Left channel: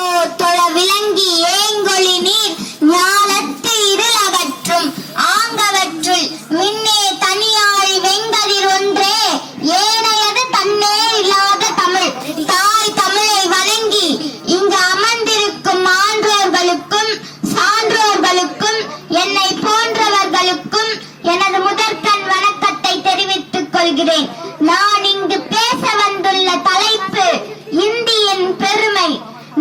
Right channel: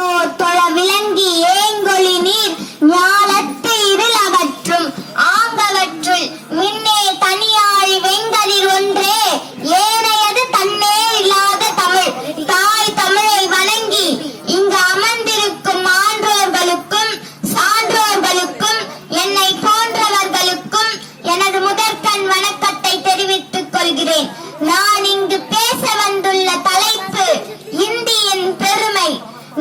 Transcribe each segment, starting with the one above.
சான்றோர் தொழ விளங்கி ஏங்கொழி நீர் ஞாலத்து இருள் அகற்றும் ஆங்கவற்றுள் மின்னே தனியாழி வெங்கதிர் ஒன்றே ஏனையது தன்னே இல்லாத தமிழ். தாய் தமிழை வணங்கி இங்கு அமர்ந்திருக்கும் ஆன்றோர்களுக்கும் சான்றோர்களுக்கும் என்னை போன்றவர்களுக்கும் எனது முதற்கண் வணக்கத்தை தெரிவித்துக் கொள்கிறேன். நான் இங்கு பேச வந்துள்ள தலைப்பு இந்தியின் பெருமை.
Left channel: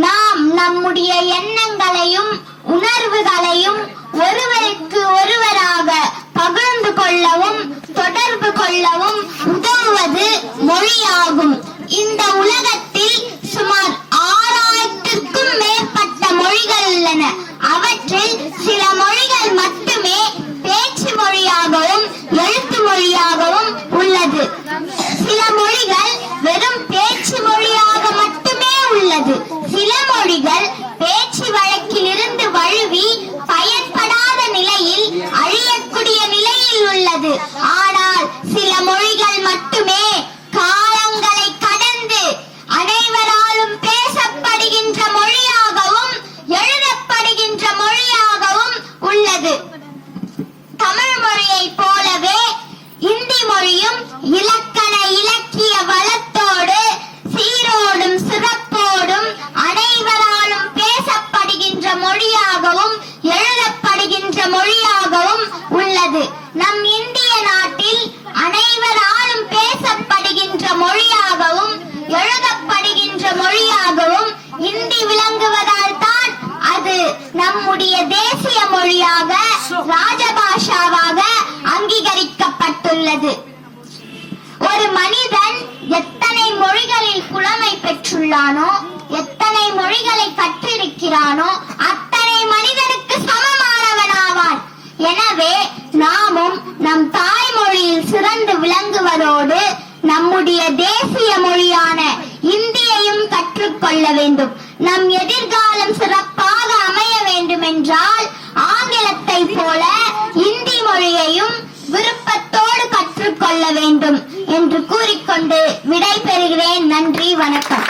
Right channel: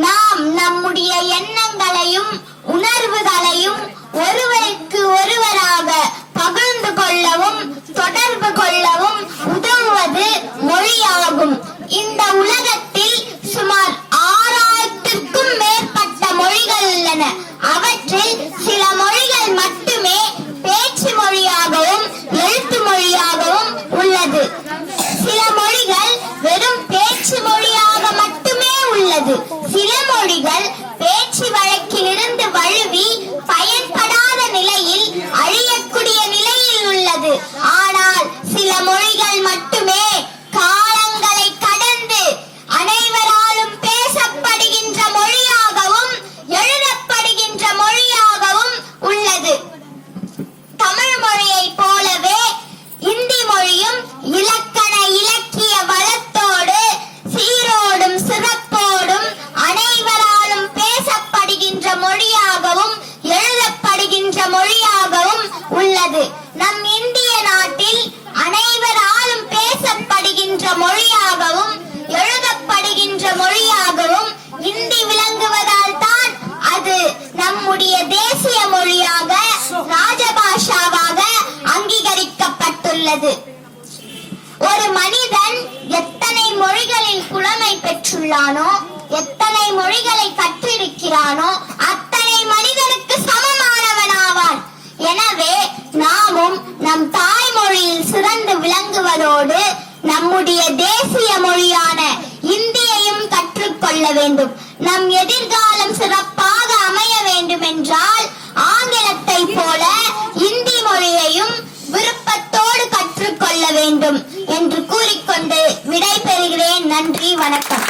நாம் நம்முடைய எண்ணங்களையும் உணர்வுகளையும் ஒருவருக்கு ஒருவராக பகிர்ந்து கொள்ளவும் தொடர்பு கொள்ளவும் உதவுவது மொழியாகும். இந்த உலகத்தில் சுமார் 6000க்கும் மேற்பட்ட மொழிகள் உள்ளன. அவற்றில் சில மொழிகள் மட்டுமே பேச்சு மொழியாகவும் எழுத்து மொழியாகவும் உள்ளது. சில மொழிகள் வெறும் பேச்சு மொழியாக மட்டுமே உள்ளது. சில மொழிகள் பேச்சு வழக்கிலிருந்து வழுவி பயன்படாத நிலையில் அழியக்கூடிய நிலையில் உள்ளது. ஆனால் சில மொழிகள் மட்டுமே காலங்களை கடந்து அனைவராலும் பேசப்படுகின்ற மொழியாகவும் எழுதப்படுகின்ற மொழியாகவும் உள்ளது. தமிழ் மொழியை போலவே இந்தி மொழியும் இலக்கண இலக்கிய வளத்தோடு சீரோடும் சிறப்போடும் அனைவராலும் பேசப்படுகின்ற மொழியாகவும் எழுதப்படுகின்ற மொழியாகவும் உள்ளது. நம் இந்திய நாட்டில் அனைவராலும் பேசப்படுகின்ற மொழியாகவும் எழுதப்படுகின்ற மொழியாகவும் இந்தி விளங்குவதால் தான் அது நம்முடைய தேசிய மொழியாக ராஜபாஷாவாக அங்கீகரிக்கப்பட்டுள்ளது. ஒரு மனிதன் எத்தனை மொழிகளில் புலமை பெற்றுள்ளானோ, எத்தனை மொழிகளை கற்றிருக்கிறானோ அத்தனை மனிதனுக்கு சமமானவனாவான். எனவே நாமும் நம் தாய்மொழியில் சிறந்து விளங்குவதோடு நம்முடைய தேசிய மொழியான இந்தியையும் கற்றுக்கொள்ள வேண்டும். நம் எதிர்காலம் சிறப்பாக அமைய வேண்டும் என்றால் ஆங்கிலத்தை போல இந்தி மொழியையும் விருப்பத்தோடு கற்றுக்கொள்ள வேண்டும் என்று கூறிக்கொண்டு விடை பெறுகிறேன். நன்றி, வணக்கம்.